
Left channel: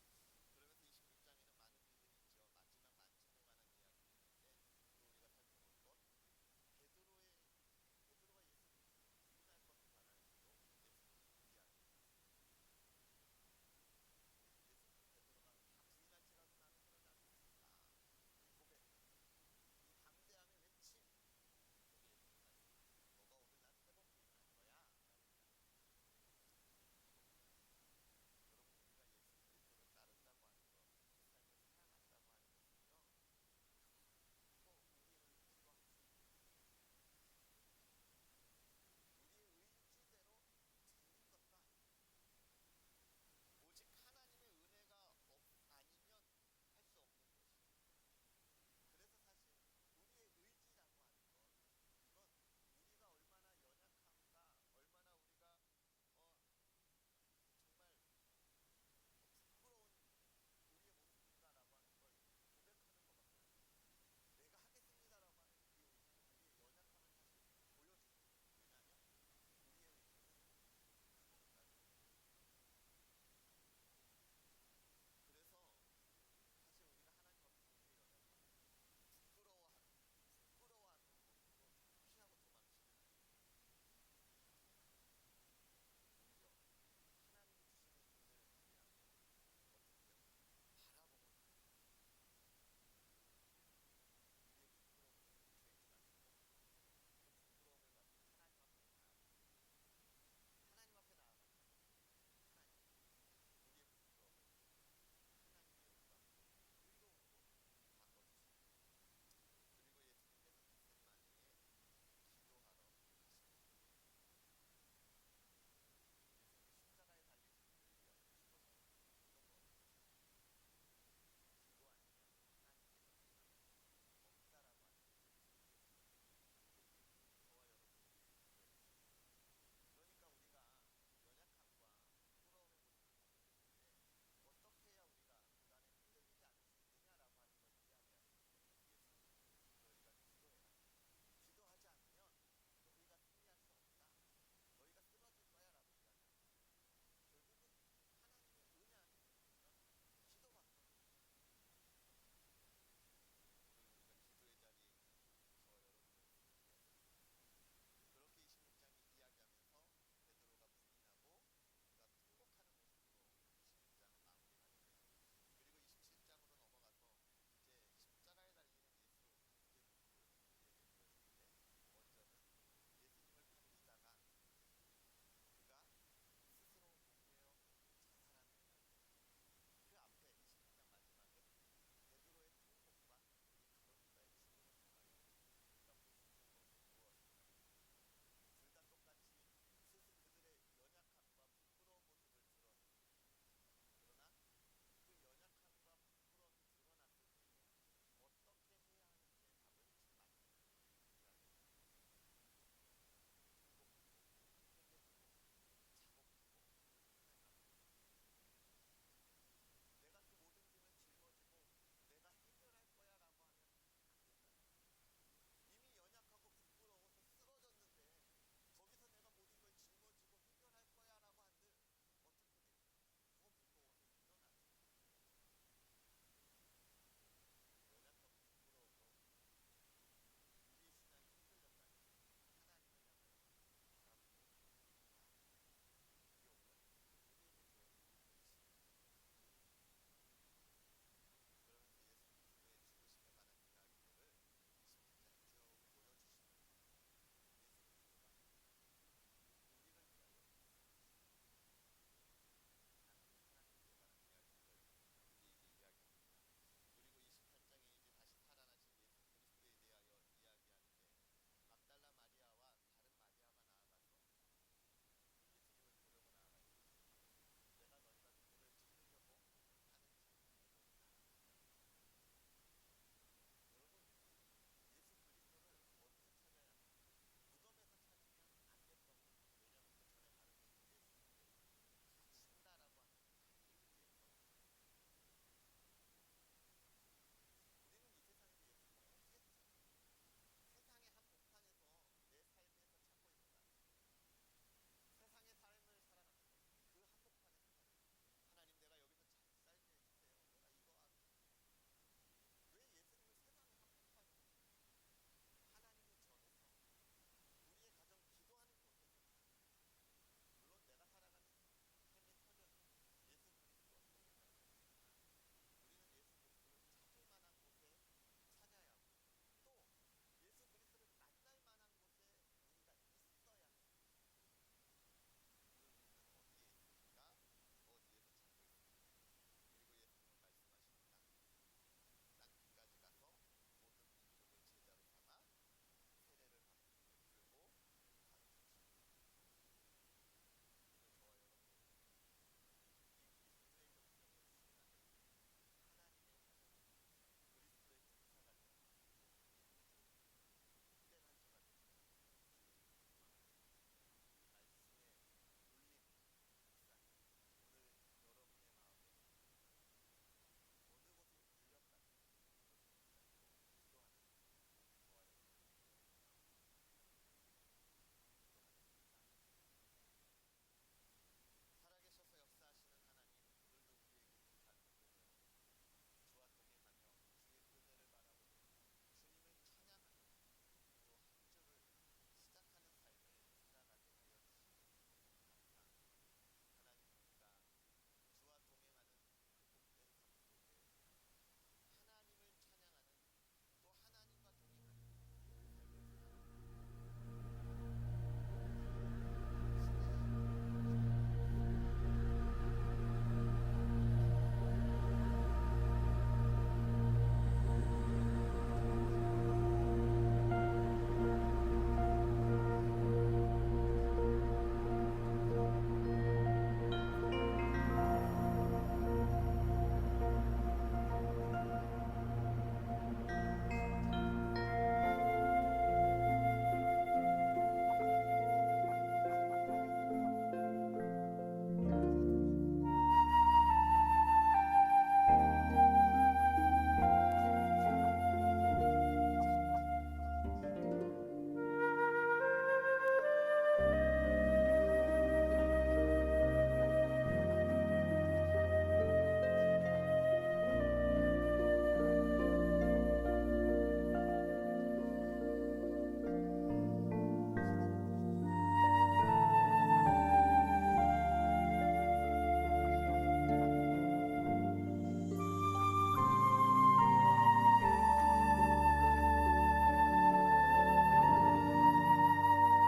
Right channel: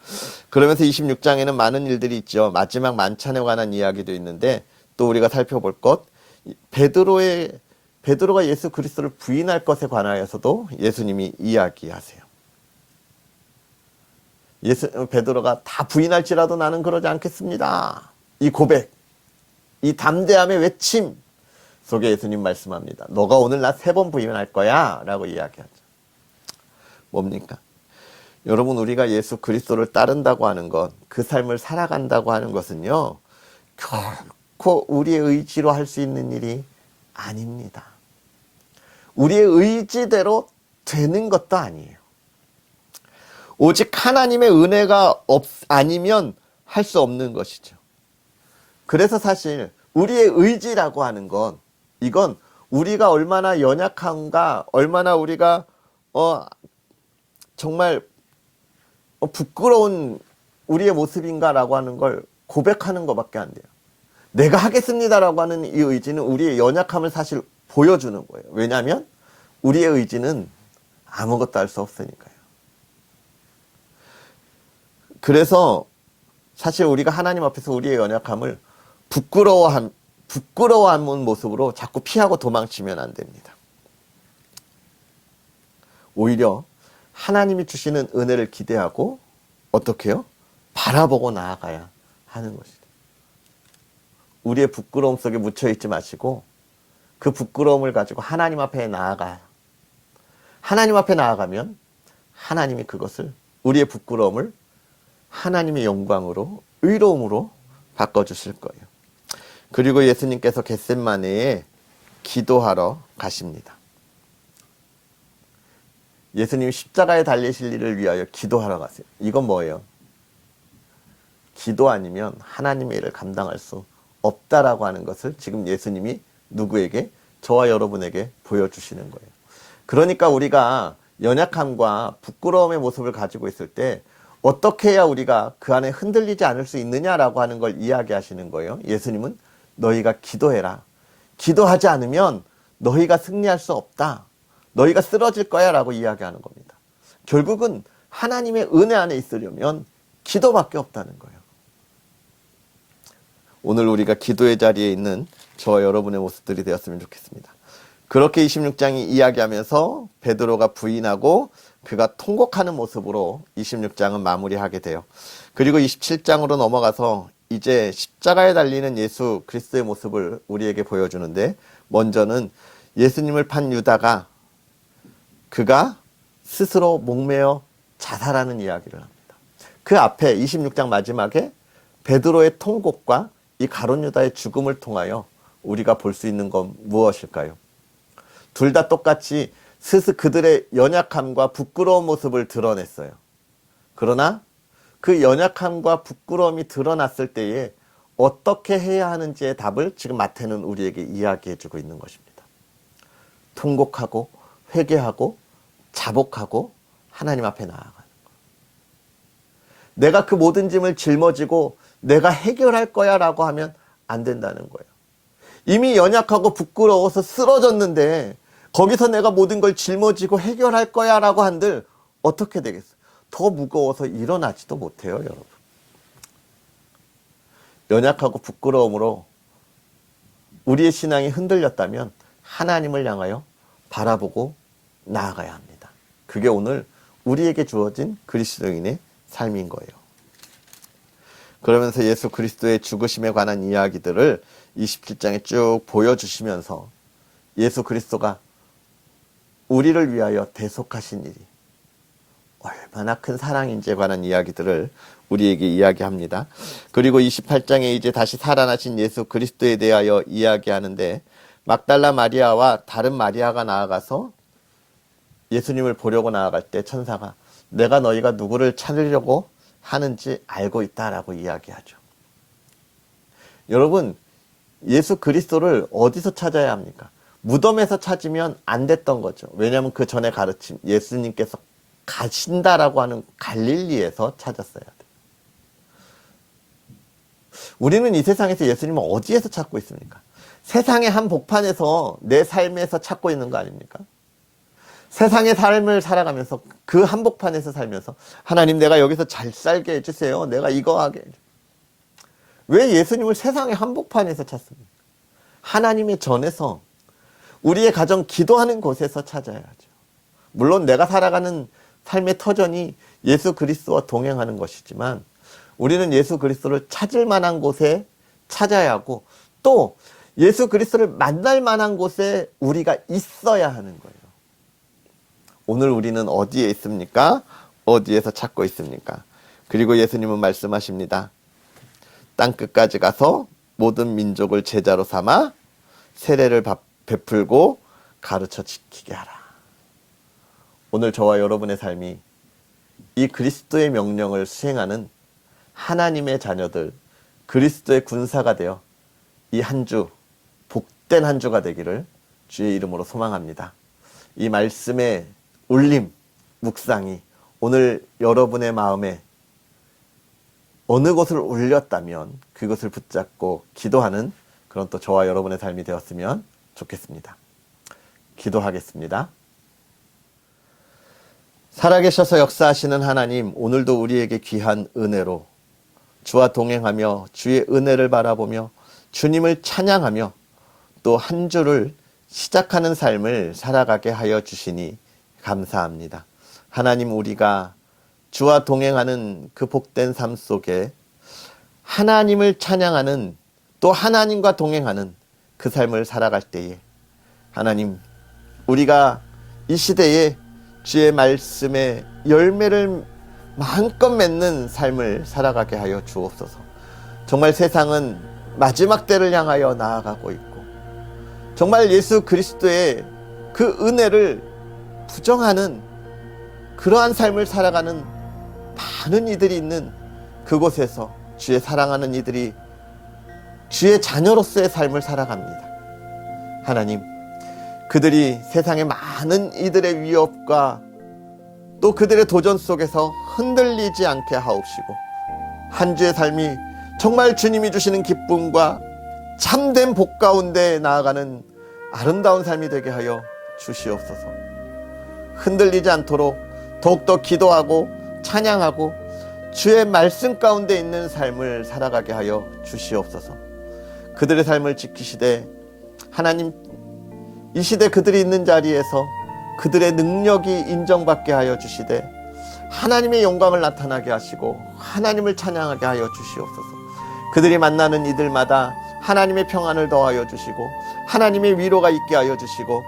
그러면서 26장에는 많은 일들이 있죠. 마지막 만찬에 관한 이야기도 있는데 또 우리가 살펴볼 것, 베드로가 예수 그리스도를 부인할 것에 관하여서도 예수님이 이야기하세요. 베드로가 다 부인할지라도 나는 그러지 않겠습니다. 이 고백, 이 담대함의 외침 속에 예수님 말씀합니다. 너가 오늘 나 3번 부인할 거야 라고 이야기하죠. 뭡니까? 여러분, 우리가 예수 그리스도를 따른다고 하는 것, 그 삶을 살아간다고 하는 것은요, 결코 우리의 의지로 할 수 있는 일이 아닙니다. 우리의 의지대로 되는 것도 아니에요. 오직 하나님의 은혜가 아니면 할 수 없는 것이죠. 그래서 사실 우리의 의지라고 하는 건, 이건 우리가 얼마나 연약한가, 얼마나 우리가 정말 부끄러운 우리의 모습인가라고 하는 걸 고백하는 것밖에 안 돼요. 내가 하겠습니다라고 하는 이 의지는 우리의 연약함을 사실 보여주는 거예요. 왜냐하면 우리의 의지는 아무것도 할 수 없으니까요. 그래서 사실 우리가 하나님 앞에서 우리의 연약함을 부끄러워하는 모습으로 자꾸 피하고 도망치면 안 됩니다. 오히려 하나님이 주시는 은혜를 기대하고 어떻게 해요? 바라보고 나아가야 하는 것이죠. 우리의 부끄러움 속에 묻혀있지 마시고 그 부끄러움을 가지고 하나님 앞에 나아가요. 하나님 앞에 나아가면 하나님이 그것을, 우리의 부끄러움을 하나님의 영광으로, 의로움으로 바꿔주실 거예요. 그리고 예수님께서 겟세마네에 기도하러 가십니다. 예수님이 십자가에 달리실 일을 위하여 기도하러 가세요. 이건 뭐예요? 기도 아니면 하나님의 일을 감당할 수 없다라고 하는 것을 지금 예수님이 누구에게? 저와 여러분에게 보여주시는 거예요. 그러니까 우리가 연약함과 부끄러움의 모습을 가지고 있을 때 어떻게 해야 우리가 그 안에 흔들리지 않을 수 있느냐라고 하는 걸 이야기하시는 거예요. 예수님은 너희가 기도해라. 기도하지 않으면 너희가 승리할 수 없다. 너희가 쓰러질 거야 라고 이야기하는 겁니다. 결국은 하나님의 은혜 안에 있으려면 기도밖에 없다는 거예요. 오늘 우리가 기도의 자리에 있는 저와 여러분의 모습들이 되었으면 좋겠습니다. 그렇게 26장이 이야기하면서 베드로가 부인하고 그가 통곡하는 모습으로 26장은 마무리하게 돼요. 그리고 27장으로 넘어가서 이제 십자가에 달리는 예수 그리스도의 모습을 우리에게 보여주는데, 먼저는 예수님을 판 유다가 그가 스스로 목매어 자살하는 이야기를 합니다. 그 앞에 26장 마지막에 베드로의 통곡과 이 가룟 유다의 죽음을 통하여 우리가 볼 수 있는 건 무엇일까요? 둘 다 똑같이 그들의 연약함과 부끄러운 모습을 드러냈어요. 그러나 그 연약함과 부끄러움이 드러났을 때에 어떻게 해야 하는지의 답을 지금 마태는 우리에게 이야기해 주고 있는 것입니다. 통곡하고 회개하고 자복하고 하나님 앞에 나아가는 것. 내가 그 모든 짐을 짊어지고 내가 해결할 거야 라고 하면 안 된다는 거예요. 이미 연약하고 부끄러워서 쓰러졌는데 거기서 내가 모든 걸 짊어지고 해결할 거야 라고 한들 어떻게 되겠어요? 더 무거워서 일어나지도 못해요, 여러분. 연약하고 부끄러움으로 우리의 신앙이 흔들렸다면 하나님을 향하여 바라보고 나아가야 합니다. 그게 오늘 우리에게 주어진 그리스도인의 삶인 거예요. 그러면서 예수 그리스도의 죽으심에 관한 이야기들을 27장에 쭉 보여주시면서 예수 그리스도가 우리를 위하여 대속하신 일이 얼마나 큰 사랑인지에 관한 이야기들을 우리에게 이야기합니다. 그리고 28장에 이제 다시 살아나신 예수 그리스도에 대하여 이야기하는데, 막달라 마리아와 다른 마리아가 나아가서 예수님을 보려고 나아갈 때 천사가 내가 너희가 누구를 찾으려고 하는지 알고 있다라고 이야기하죠. 여러분, 예수 그리스도를 어디서 찾아야 합니까? 무덤에서 찾으면 안 됐던 거죠. 왜냐하면 그 전에 가르침, 예수님께서 가신다라고 하는 갈릴리에서 찾았어야 돼요. 우리는 이 세상에서 예수님을 어디에서 찾고 있습니까? 세상의 한복판에서 내 삶에서 찾고 있는 거 아닙니까? 세상의 삶을 살아가면서 그 한복판에서 살면서 하나님 내가 여기서 잘 살게 해주세요. 내가 이거 하게. 왜 예수님을 세상의 한복판에서 찾습니까? 하나님의 전에서 우리의 가정 기도하는 곳에서 찾아야죠. 물론 내가 살아가는 삶의 터전이 예수 그리스도와 동행하는 것이지만 우리는 예수 그리스도를 찾을 만한 곳에 찾아야 하고 또 예수 그리스도를 만날 만한 곳에 우리가 있어야 하는 거예요. 오늘 우리는 어디에 있습니까? 어디에서 찾고 있습니까? 그리고 예수님은 말씀하십니다. 땅끝까지 가서 모든 민족을 제자로 삼아 세례를 베풀고 가르쳐 지키게 하라. 오늘 저와 여러분의 삶이 이 그리스도의 명령을 수행하는 하나님의 자녀들, 그리스도의 군사가 되어 이 한 주, 복된 한 주가 되기를 주의 이름으로 소망합니다. 이 말씀의 울림, 묵상이 오늘 여러분의 마음에 어느 곳을 울렸다면 그것을 붙잡고 기도하는 그런 또 저와 여러분의 삶이 되었으면 좋겠습니다. 기도하겠습니다. 살아계셔서 역사하시는 하나님, 오늘도 우리에게 귀한 은혜로 주와 동행하며 주의 은혜를 바라보며 주님을 찬양하며 또 한 주를 시작하는 삶을 살아가게 하여 주시니 감사합니다. 하나님, 우리가 주와 동행하는 그 복된 삶 속에 하나님을 찬양하는 또 하나님과 동행하는 그 삶을 살아갈 때에 하나님, 우리가 이 시대에 주의 말씀의 열매를 마음껏 맺는 삶을 살아가게 하여 주옵소서. 정말 세상은 마지막 때를 향하여 나아가고 있고 정말 예수 그리스도의 그 은혜를 부정하는 그러한 삶을 살아가는 많은 이들이 있는 그곳에서 주의 사랑하는 이들이 주의 자녀로서의 삶을 살아갑니다. 하나님, 그들이 세상의 많은 이들의 위협과 또 그들의 도전 속에서 흔들리지 않게 하옵시고 한 주의 삶이 정말 주님이 주시는 기쁨과 참된 복 가운데 나아가는 아름다운 삶이 되게 하여 주시옵소서. 흔들리지 않도록 더욱더 기도하고 찬양하고 주의 말씀 가운데 있는 삶을 살아가게 하여 주시옵소서. 그들의 삶을 지키시되 하나님, 이 시대 그들이 있는 자리에서 그들의 능력이 인정받게 하여 주시되 하나님의 영광을 나타나게 하시고 하나님을 찬양하게 하여 주시옵소서. 그들이 만나는 이들마다 하나님의 평안을 더하여 주시고 하나님의 위로가 있게 하여 주시고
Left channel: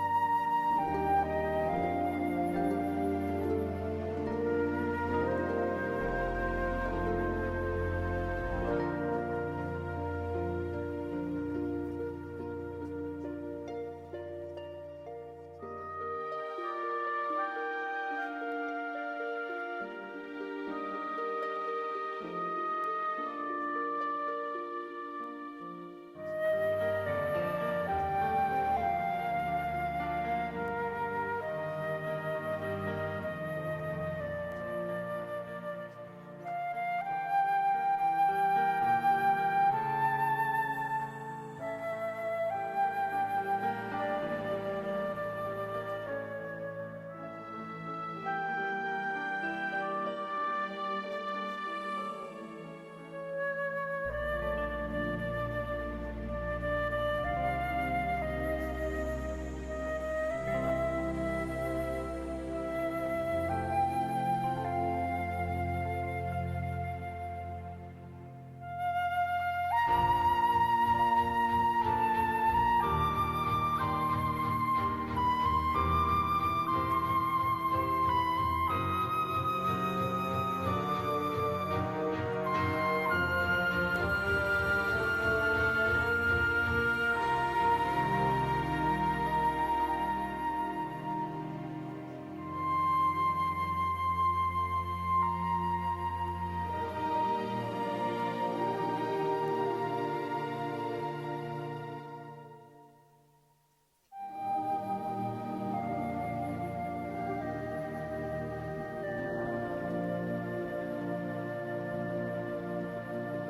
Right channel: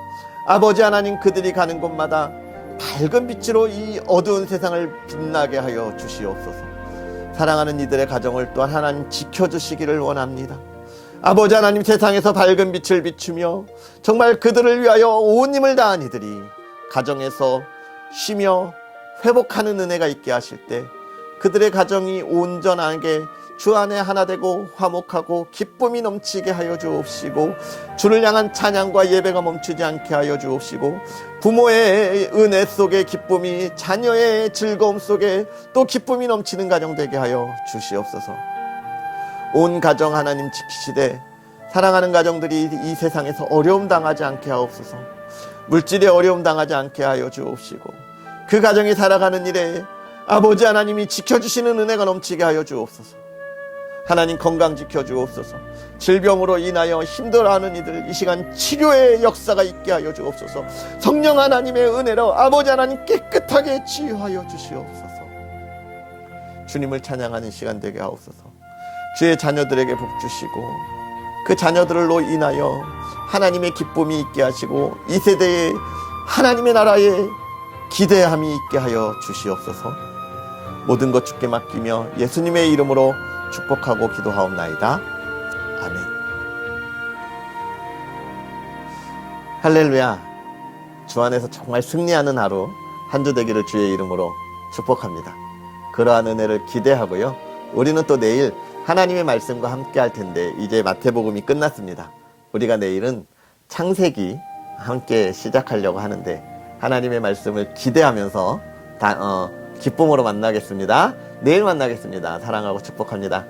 아버지 하나님, 그들이 가는 곳마다 밝은 빛으로 이 어두운 세상을 빛나게 하여 주시옵소서. 사랑하는 이들의 가정을 또한 하나님 지켜주시기를 원합니다. 아버지 하나님, 세상에서 밝은 빛을 비추며 정말 그들을 위하여 온 힘을 다한 이들이 가정에서 쉬며 회복하는 은혜가 있게 하실 때 그들의 가정이 온전하게 주 안에 하나 되고 화목하고 기쁨이 넘치게 하여 주옵시고 주를 향한 찬양과 예배가 멈추지 않게 하여 주옵시고 부모의 은혜 속에 기쁨이, 자녀의 즐거움 속에 또 기쁨이 넘치는 가정 되게 하여 주시옵소서. 온 가정 하나님 지키시되 사랑하는 가정들이 이 세상에서 어려움 당하지 않게 하옵소서. 물질의 어려움 당하지 않게 하여 주옵시고 그 가정이 살아가는 일에 아버지 하나님이 지켜주시는 은혜가 넘치게 하여 주옵소서. 하나님, 건강 지켜주옵소서. 질병으로 인하여 힘들어하는 이들 이 시간 치료의 역사가 있게 하여 주옵소서. 성령 하나님의 은혜로 아버지 하나님 깨끗하게 치유하여 주시옵소서. 주님을 찬양하는 시간 되게 하옵소서. 주의 자녀들에게 복 주시고 그 자녀들로 인하여 하나님의 기쁨이 있게 하시고 이 세대에 하나님의 나라에 기대함이 있게 하여 주시옵소서. 모든 것 주께 맡기며 예수님의 이름으로 축복하고 기도하옵나이다. 아멘. 할렐루야. 주 안에서 정말 승리하는 하루 한 주 되기를 주의 이름으로 축복합니다. 그러한 은혜를 기대하고요. 우리는 또 내일 하나님의 말씀과 함께 할 텐데 이제 마태복음이 끝났습니다. 우리가 내일은 창세기 함께 시작하려고 하는데 하나님의 말씀을 기대하면서 기쁨으로 만나겠습니다. 내일 만나겠습니다. 사랑하고 축복합니다.